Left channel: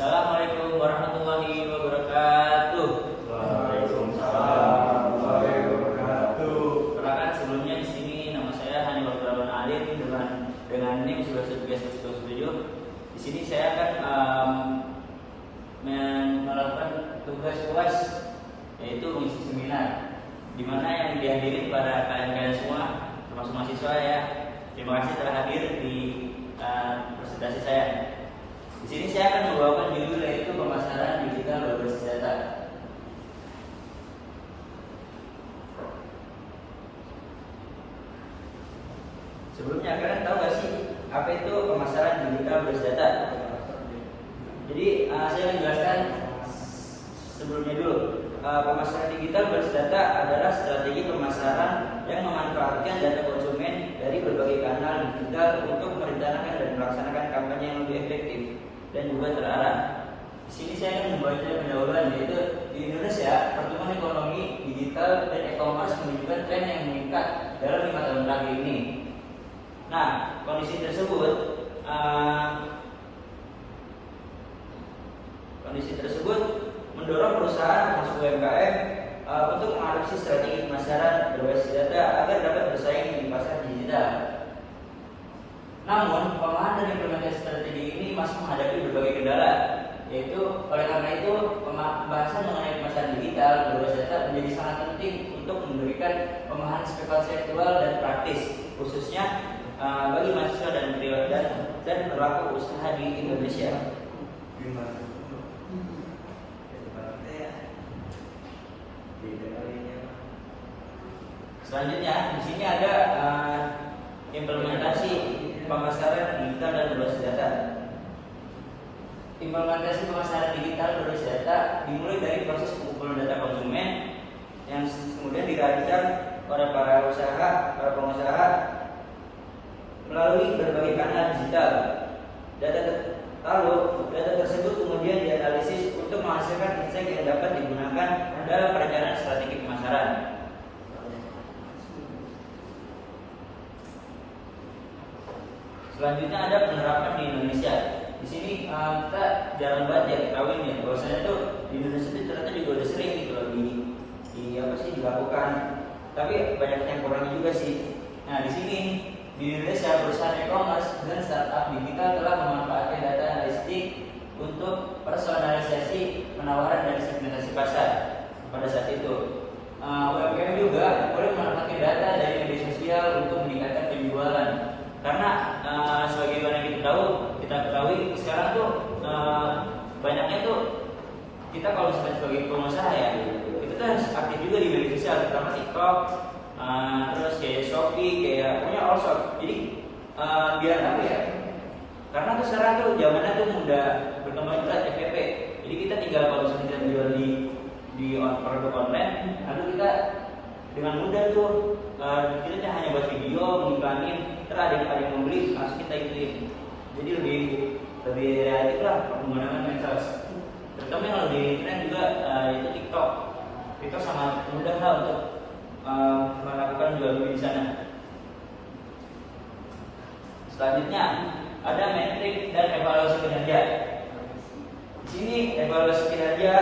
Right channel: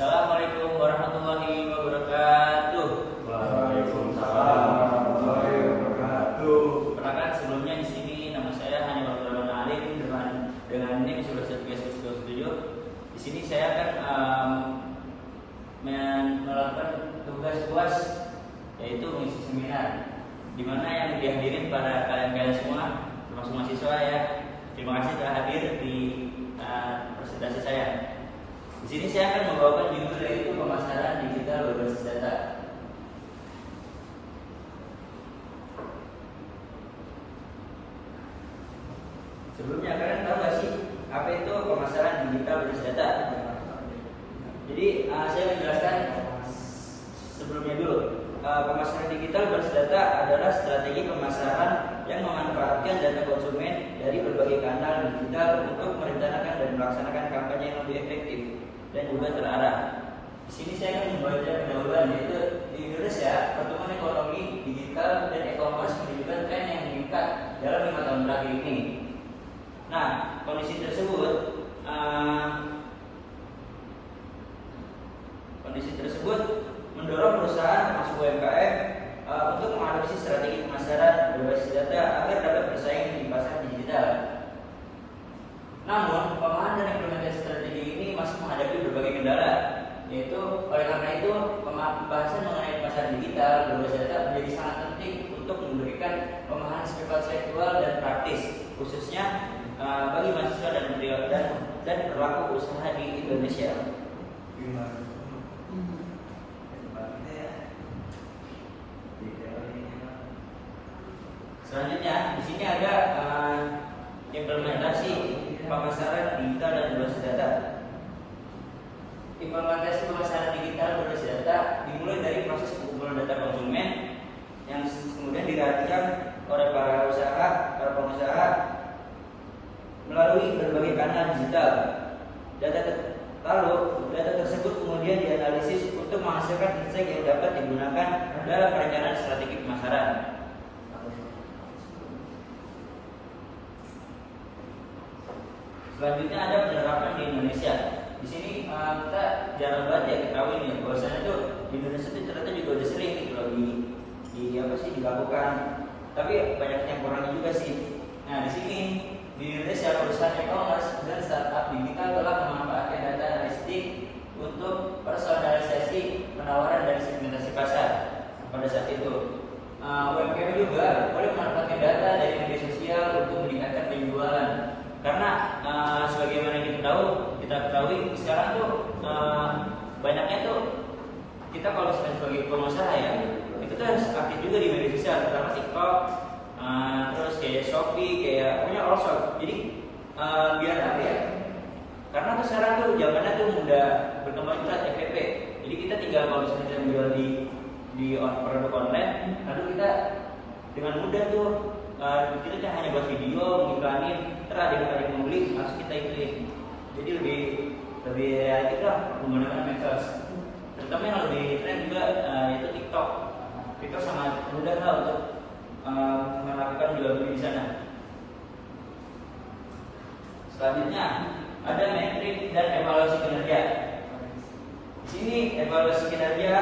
Assalamualaikum warahmatullahi wabarakatuh. Waalaikumsalam warahmatullahi wabarakatuh. Perkenalkan, sebelumnya di sini nama saya Hanif Abdurrahman Alim dengan NIM 11.3.7. Di sini saya akan melakukan tugas UAS, yaitu mengisi seminar, di mana yang dihadirin pada kalian semua, termasuk mahasiswa ya. Terima kasih telah hadir di presentasi saya. Di sini saya akan membawakan judul, yaitu pemasaran digital berbasis data. Sebelumnya, kalian tahu gak sih apa itu pemasaran digital berbasis data? Jadi saya menjelaskan sebelumnya dulu. Pemasaran digital berbasis data adalah strategi pemasaran yang memanfaatkan data konsumen dari berbagai kanal digital untuk merencanakan dan melaksanakan kampanye yang lebih efektif dan juga terarah. Di sini saya akan membaca pendahuluan, yaitu di Indonesia pertumbuhan ekonomi digital dan e-commerce menunjukkan tren yang meningkat dalam 5 tahun terakhir ini. Nah, kondisi tersebut mendorong perusahaan termasuk UMKM untuk mengadopsi strategi pemasaran berbasis data agar dapat bersaing di pasar digital. Namun, pemahaman dan implementasi strategi ini masih menghadapi berbagai kendala, yaitu oleh karena itu pembahasan mengenai pemasaran digital berbasis data menjadi sangat penting untuk memberikan pemahaman konseptual dan praktis, khususnya bagi mahasiswa dan pelaku usaha di Indonesia. Selanjutnya, di sini ada implementasi pemasaran digital dan berbasis data. Implementasi pemasaran digital berbasis data dimulai dari proses pengumpulan data konsumen yang kemudian dirancang oleh para pengusaha melalui berbagai kanal digital. Data tersebut kemudian dianalisis untuk menghasilkan insight yang dapat digunakan dalam perencanaan strategi pemasaran. Selanjutnya ada penerapan di Indonesia. Di sini kita jarang banget ya ketahui nih, bahwasanya tuh di Indonesia itu ternyata juga udah sering gitu loh dilakukan. Tapi banyak yang kurangnya juga sih. Nah, di sini di Indonesia perusahaan e-commerce dan startup digital telah memanfaatkan data analitik untuk personalisasi penawaran dan segmentasi pasar pada saat itu. UMKM juga boleh memanfaatkan data dari media sosial untuk meningkatkan penjualan. Karena sebagaimana kita ketahui sekarang tuh banyaknya tuh kita kalau misalnya sebagai pengusaha ya, itu tuh harus aktif juga di media sosial, terutama TikTok, terus kayak Shopee, kayak punya all shop. Jadi biar apa ya? Karena tuh sekarang tuh zamannya tuh mudah berkembang juga FVP. Jadi kita tinggal kalau misalnya kita jual di produk online, lalu kita dengan mudah tuh kita hanya buat video, mengiklanin, terus ada yang membeli, langsung kita ituin. Jadi lebih realistis lah menggunakan medsos. Terutama yang lebih tren juga itu TikTok. TikTok sangat mudah lah untuk melakukan jual beli di sana. Selanjutnya ada metrik dan evaluasi kinerja. Di sini evaluasi kinerja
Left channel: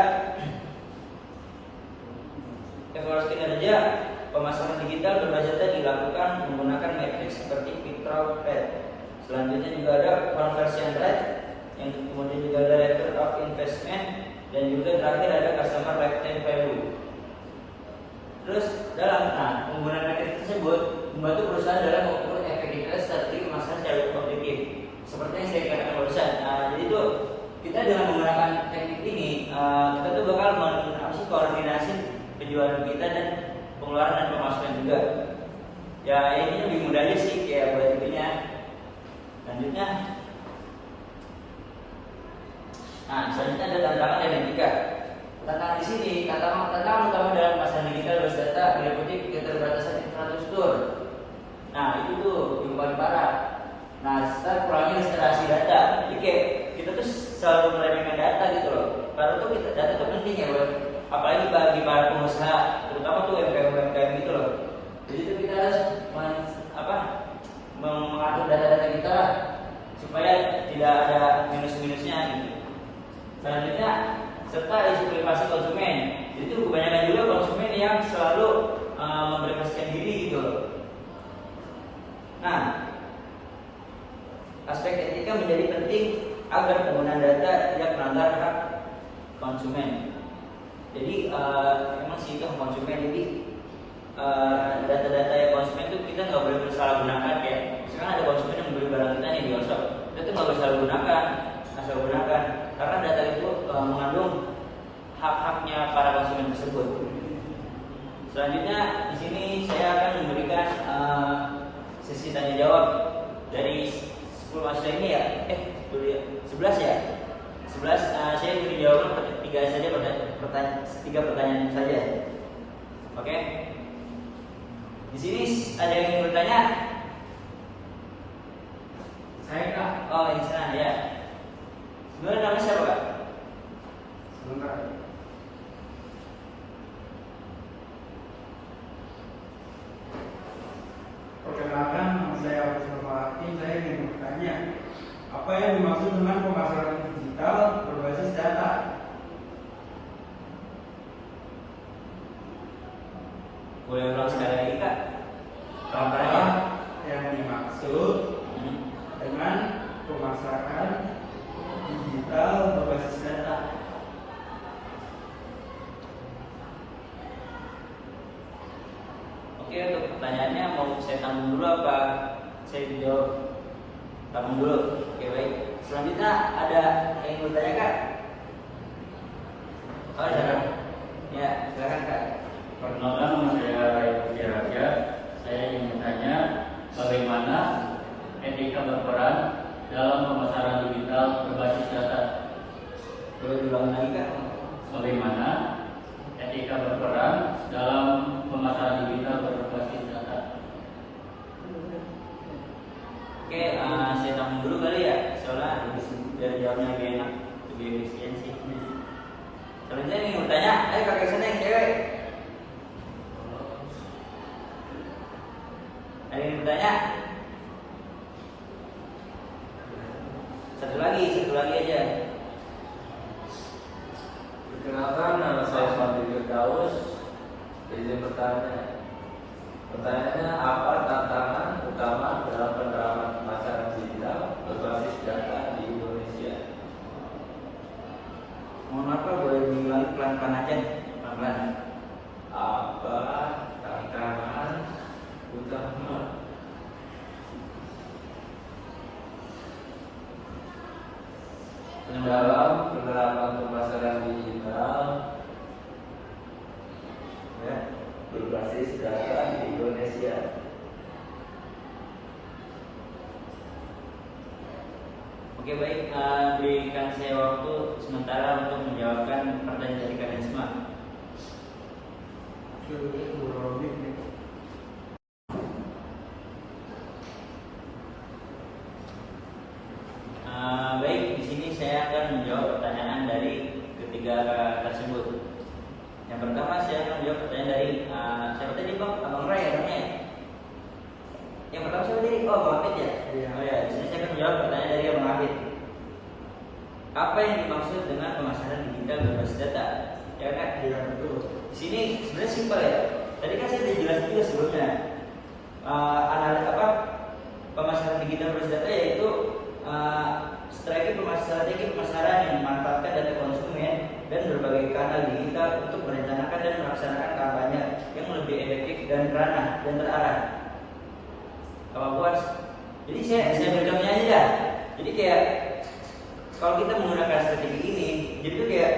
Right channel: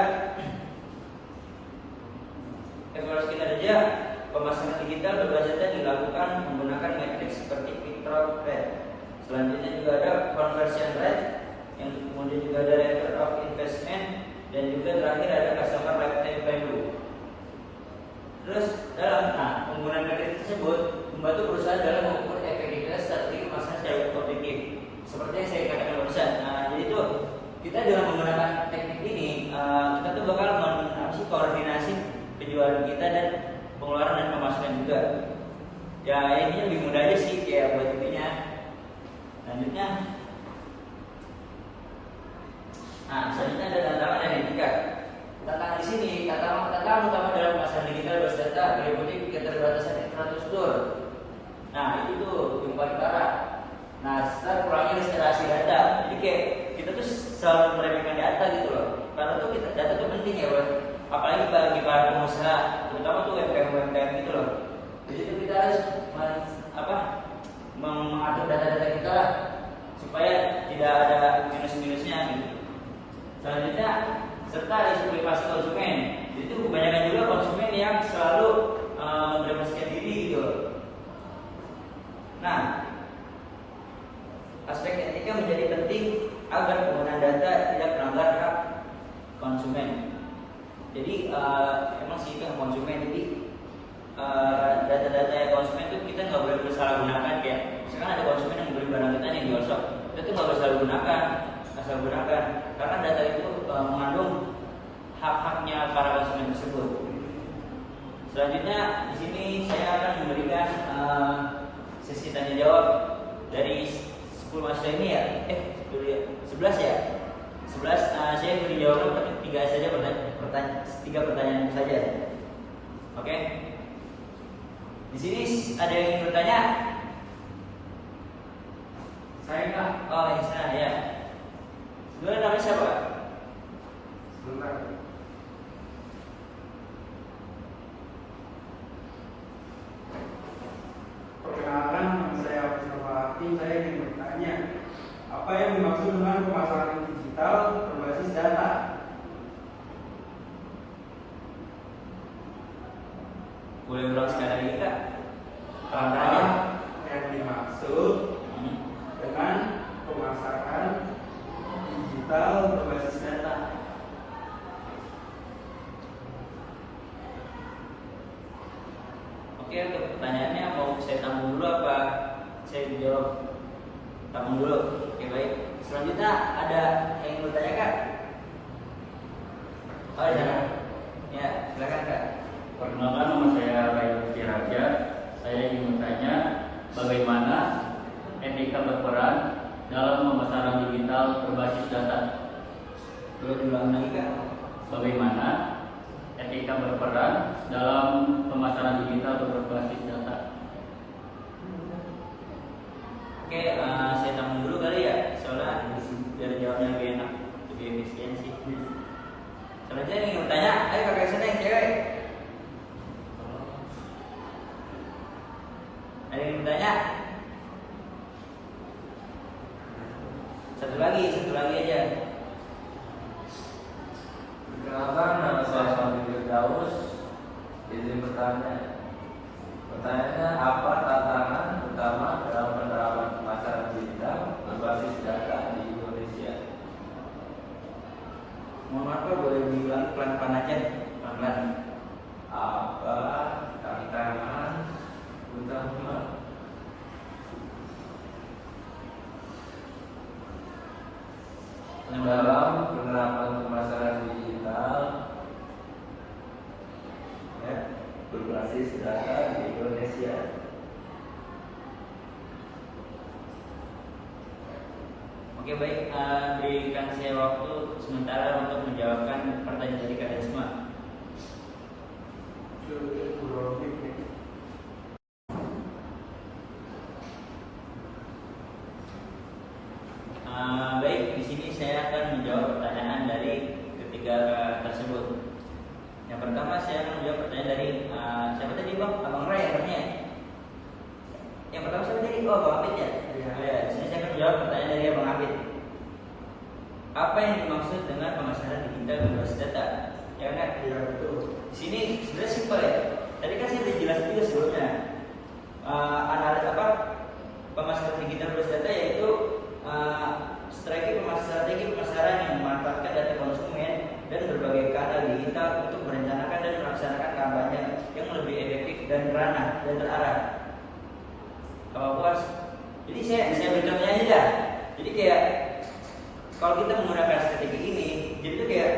pemasaran digital berbasis data dilakukan menggunakan metrik seperti click-through rate. Selanjutnya juga ada conversion rate, yang kemudian juga ada return of investment, dan juga terakhir ada customer lifetime value. Terus dalam penggunaan metrik tersebut membantu perusahaan dalam mengukur efektivitas strategi pemasaran secara objektif. Seperti yang saya katakan barusan. Jadi itu kita dengan menggunakan teknik ini kita tuh bakal koordinasi penjualan kita dan pengeluaran dan pemasukan juga. Ya ini lebih mudah aja sih kayak buat intinya. Selanjutnya, selanjutnya ada tantangan dan etika. Tantangan di sini, tantangan utama dalam pemasaran digital berbasis data meliputi keterbatasan infrastruktur. Nah itu tuh yang paling parah. Nah, kurangnya literasi data. Jadi kayak kita tuh selalu meremehkan data gitu loh. Padahal tuh data tuh penting ya, apalagi bagi para pengusaha, terutama tuh UMKM gitu loh. Jadi tuh kita harus mengatur data-data kita lah, supaya tidak ada minus-minusnya gitu. Selanjutnya serta isu privasi konsumen. Jadi itu kebanyakan juga konsumen yang selalu memprivasikan diri gitu. Nah, aspek etika menjadi penting agar penggunaan data tidak melanggar hak konsumen. Jadi emang sih itu hak konsumen. Jadi data-data ya konsumen itu kita nggak boleh bersalah gunakan. Kayak misalkan ada konsumen yang beli barang kita nih di workshop, kita tuh nggak bersalah gunakan, asal gunakan, karena data itu mengandung hak-haknya para konsumen tersebut. Selanjutnya di sini saya akan memberikan sesi tanya jawab dari 10 mahasiswa ini ya. 11 ya. 11 saya beri jawaban tapi 3 saja tiga pertanyaan saja. Oke. Di sini ada yang ingin bertanya? Saya Kak. Oh, yang sana ya. Sebenarnya namanya siapa Kak? Sebentar. Perkenalkan, nama saya Abdul. Saya ingin bertanya, apa yang dimaksud dengan pemasaran digital berbasis data? Boleh ulang sekali lagi Kak? Apa yang dimaksud dengan pemasaran digital berbasis data? Oke, untuk pertanyaannya mau saya tanggung dulu apa saya jawab? Tanggung dulu. Oke, baik. Selanjutnya ada yang ingin bertanya Kak? Oh, di sana. Ya, silakan Kak. Perkenalkan, nama saya Ray Raja. Saya ingin bertanya bagaimana etika berperan dalam pemasaran digital berbasis data. Boleh diulang lagi Kak? Bagaimana etika berperan dalam pemasaran digital berbasis data. Oke, saya tanggung dulu kali ya, soalnya biar jawabnya lebih enak, lebih efisiensi. Selanjutnya yang ingin bertanya, ayo kakak sana yang cewek. Ada yang bertanya? Satu lagi aja. Perkenalkan, nama saya Sandi Firdaus. Izin bertanya. Pertanyaannya, apa tantangan utama dalam penerapan pemasaran digital berbasis data di Indonesia? Mohon maaf Pak, boleh diulangi pelan-pelan aja, pelan-pelan. Apa tantangan utama dalam penerapan pemasaran digital ya berbasis data di Indonesia? Oke baik, berikan saya waktu sementara untuk menjawabkan pertanyaan dari kalian semua. Baik, di sini saya akan menjawab pertanyaan dari ketiga tersebut. Yang pertama saya akan menjawab pertanyaan dari siapa tadi Bang? Abang Ray ya namanya. Yang pertama siapa tadi? Oh, Abang Hafid ya. Oh ya, di sini saya akan menjawab pertanyaan dari Abang Hafid. Apa yang dimaksud dengan pemasaran digital berbasis data? Ya kan? Iya betul. Di sini sebenarnya simpel ya. Tadi kan saya sudah jelasin juga sebelumnya. Pemasaran digital berbasis data yaitu strategi pemasaran yang memanfaatkan data konsumen dan berbagai kanal digital untuk merencanakan dan melaksanakan kampanye yang lebih efektif dan terarah. Apa puas? Jadi saya beri contohnya aja dah. Jadi kayak kalau kita menggunakan strategi ini, jadi itu kayak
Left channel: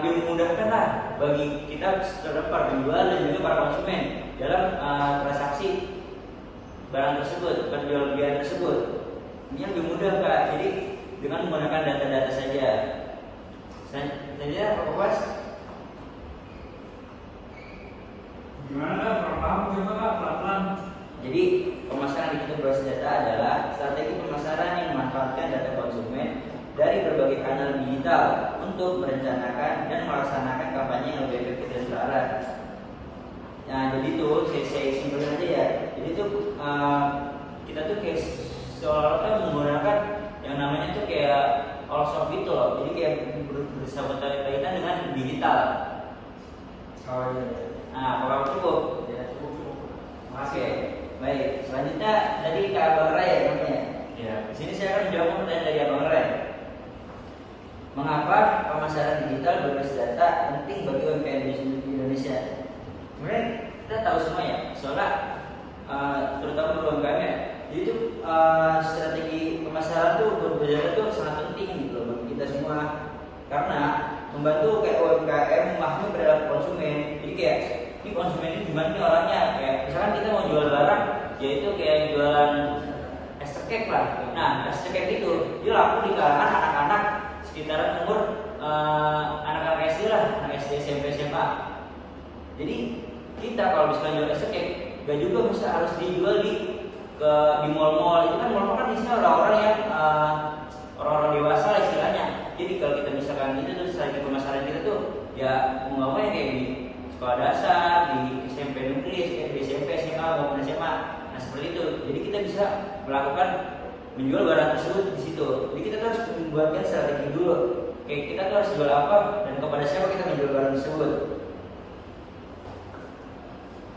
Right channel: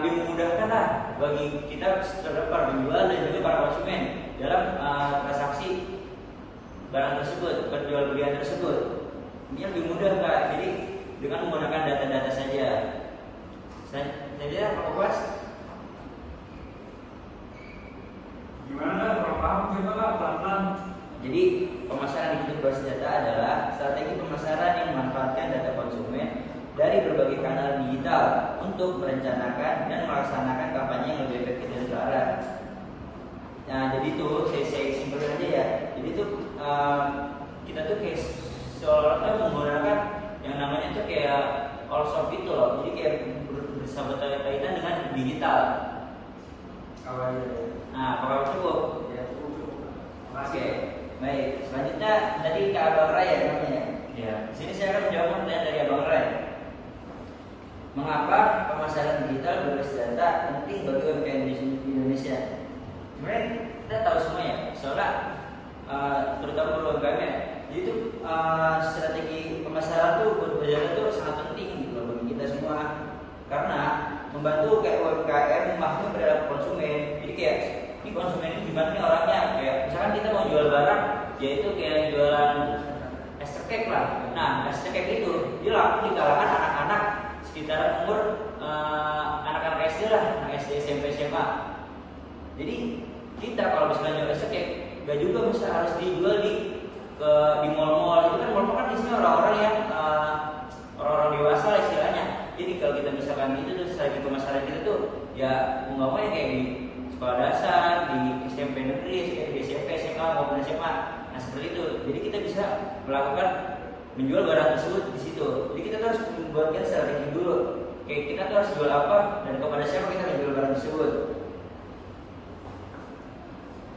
lebih memudahkan lah bagi kita terhadap para penjual dan juga para konsumen dalam transaksi barang tersebut, penjual-belian tersebut. Ini lebih mudah Kak, jadi dengan menggunakan data-data saja. Saja Pak Puas. Gimana? Paham gitu Kak? Pelan-pelan. Jadi pemasaran digital berbasis data adalah strategi pemasaran yang memanfaatkan data konsumen dari berbagai kanal digital untuk merencanakan dan melaksanakan kampanye yang lebih efektif dan terarah. Nah, jadi itu saya simpulkan aja ya. Jadi itu kita tuh kayak seolah-olah menggunakan yang namanya tuh kayak all shop gitu loh. Jadi kayak bersangkut kaitan dengan digital. Awalnya. Nah, apakah cukup? Ya, cukup. Oke, baik. Selanjutnya tadi ke Abang Ray ya namanya. Ya. Di sini saya akan menjawab pertanyaan dari Abang Ray. Mengapa pemasaran digital berbasis data penting bagi UMKM di Indonesia? Sebenarnya kita tahu semua ya, soalnya terutama untuk UMKM ya. Jadi itu strategi pemasaran tuh berbasis data tuh sangat penting gitu loh bagi kita semua. Karena membantu kayak UMKM memahami perilaku konsumen. Jadi kayak ini konsumen ini gimana nih orangnya, kayak misalkan kita mau jual barang, yaitu kayak jualan es cekek lah. Nah, es cekek itu dia laku di kalangan anak-anak sekitaran umur anak-anak SD lah, anak SD, SMP, SMA. Jadi kita kalau misalnya jual es cekek, gak juga bisa harus dijual di mall-mall. Itu kan mall-mall kan isinya orang-orang yang orang-orang dewasa lah istilahnya. Jadi kalau kita misalkan itu tuh strategi pemasaran kita tuh ya mau nggak mau ya kayak di sekolah dasar, di SMP negeri, di SMP, SMA maupun SMA. Nah seperti itu. Jadi kita bisa melakukan menjual barang tersebut di situ. Jadi kita tuh harus membuatkan strategi dulu. Kayak kita tuh harus jual apa dan kepada siapa kita menjual barang tersebut.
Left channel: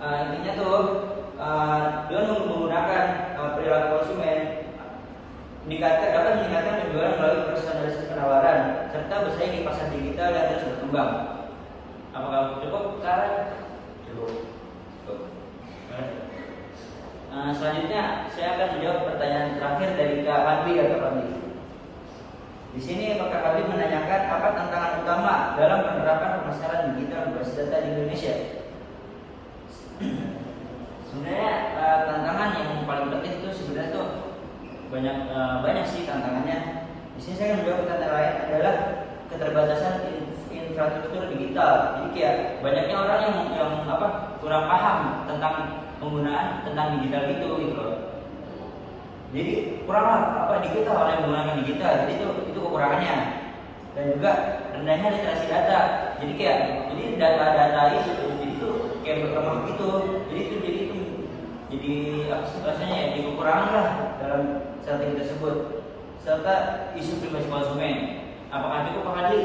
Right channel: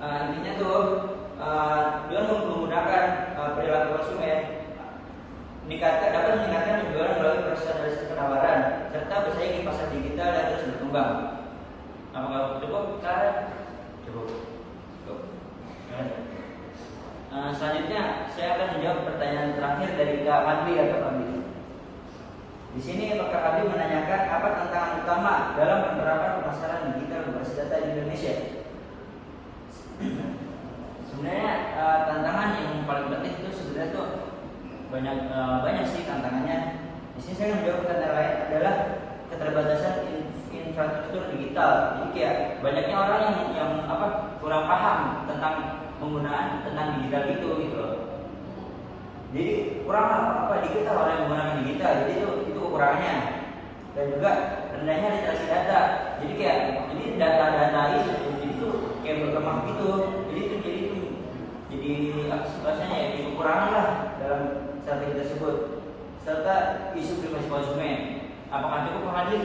Intinya tuh dengan menggunakan perilaku konsumen dapat meningkatkan penjualan melalui personalisasi penawaran serta bersaing di pasar digital yang terus berkembang. Apakah cukup? Cara cukup. Selanjutnya saya akan menjawab pertanyaan terakhir dari Kak Fadli atau Fadli. Di sini Kak Fadli menanyakan apa tantangan utama dalam penerapan pemasaran digital berbasis data di Indonesia. Sebenarnya tantangan yang paling penting itu sebenarnya tuh banyak sih tantangannya. Di sini saya akan menjawab pertanyaan lain adalah keterbatasan infrastruktur digital. Jadi kayak banyaknya orang yang kurang paham tentang penggunaan tentang digital gitu loh. Jadi kurang digital orang yang menggunakan digital. Jadi itu kekurangannya. Dan juga rendahnya literasi data. Jadi data-data itu jadi itu kayak berkembang gitu. Jadi apa sih bahasanya ya, di kekurangan lah dalam strategi tersebut serta isu privasi konsumen. Apakah cukup Pak Fadli?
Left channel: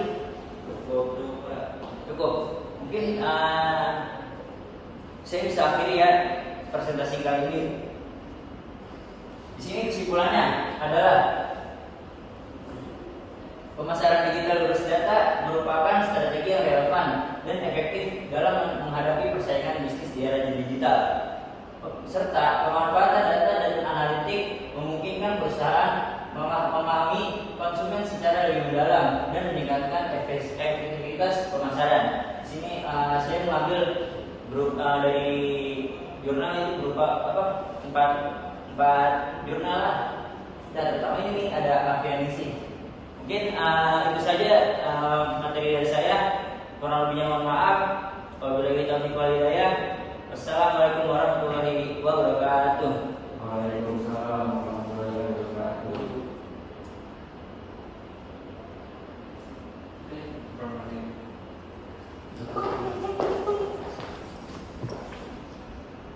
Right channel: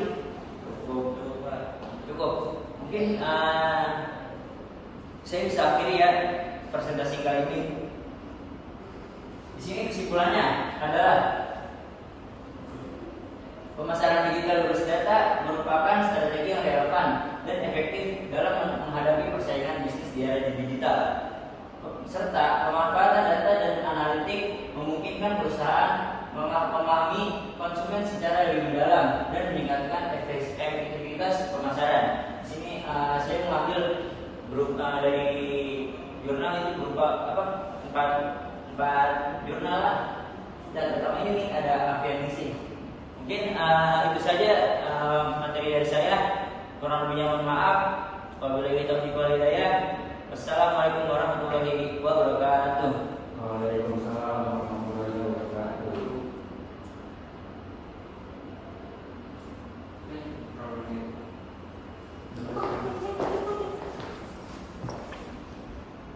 Cukup. Mungkin saya bisa akhiri ya presentasi kali ini. Di sini kesimpulannya adalah pemasaran digital berbasis data merupakan strategi yang relevan dan efektif dalam menghadapi persaingan bisnis di era digital. Serta pemanfaatan data dan analitik memungkinkan perusahaan memahami konsumen secara lebih mendalam dan meningkatkan efektivitas pemasaran. Di sini saya mengambil dari jurnal itu berupa empat jurnal lah. Dan pertama ini ada Avianisi. Mungkin itu saja materi dari saya. Kurang lebihnya mohon maaf. Wabillahi taufiq wal hidayah. Wassalamualaikum warahmatullahi wabarakatuh. Waalaikumsalam warahmatullahi wabarakatuh.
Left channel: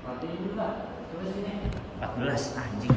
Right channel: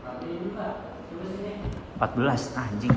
Nanti juga. Coba sini. 14 anjing.